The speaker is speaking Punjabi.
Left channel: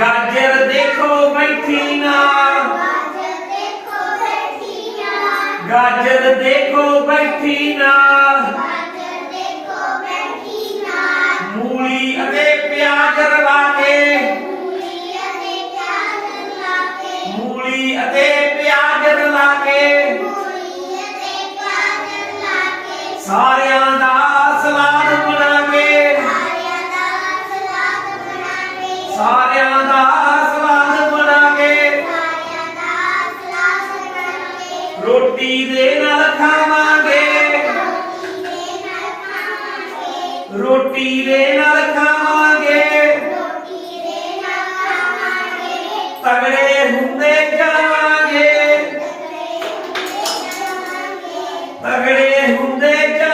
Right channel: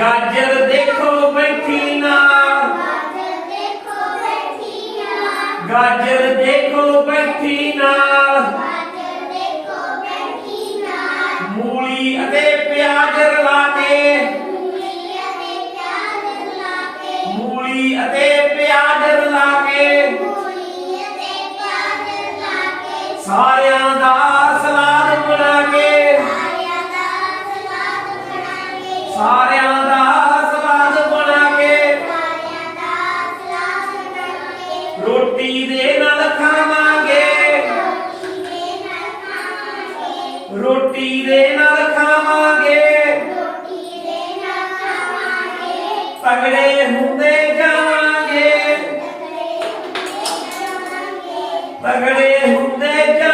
ਗਾਜਰ ਦੇਖੋ ਬੈਠੀ ਨਾ। ਗਾਜਰ ਦੇਖੋ ਬੈਠੀ ਨਾ। ਮੂਲੀ ਅਤੇ ਪਿਆਜ਼ ਰਲਾ ਕੇ। ਮੂਲੀ ਅਤੇ ਪਿਆਜ਼ ਰਲਾ ਕੇ। ਸਾਰਿਆਂ ਦਾ ਸਲਾਦ ਬਣਾ ਕੇ। ਸਾਰਿਆਂ ਰੋਟੀ ਦੇ ਨਾਲ ਖਾਵਾਂਗੇ। ਰੋਟੀ ਦੇ ਨਾਲ ਖਾਵਾਂਗੇ। ਰੋਟੀ ਤਗੜੇ ਹੁੰਦੇ ਜਾਵਾਂਗੇ। ਤਕੜੇ ਹੁੰਦੇ ਜਾਵਾਂਗੇ।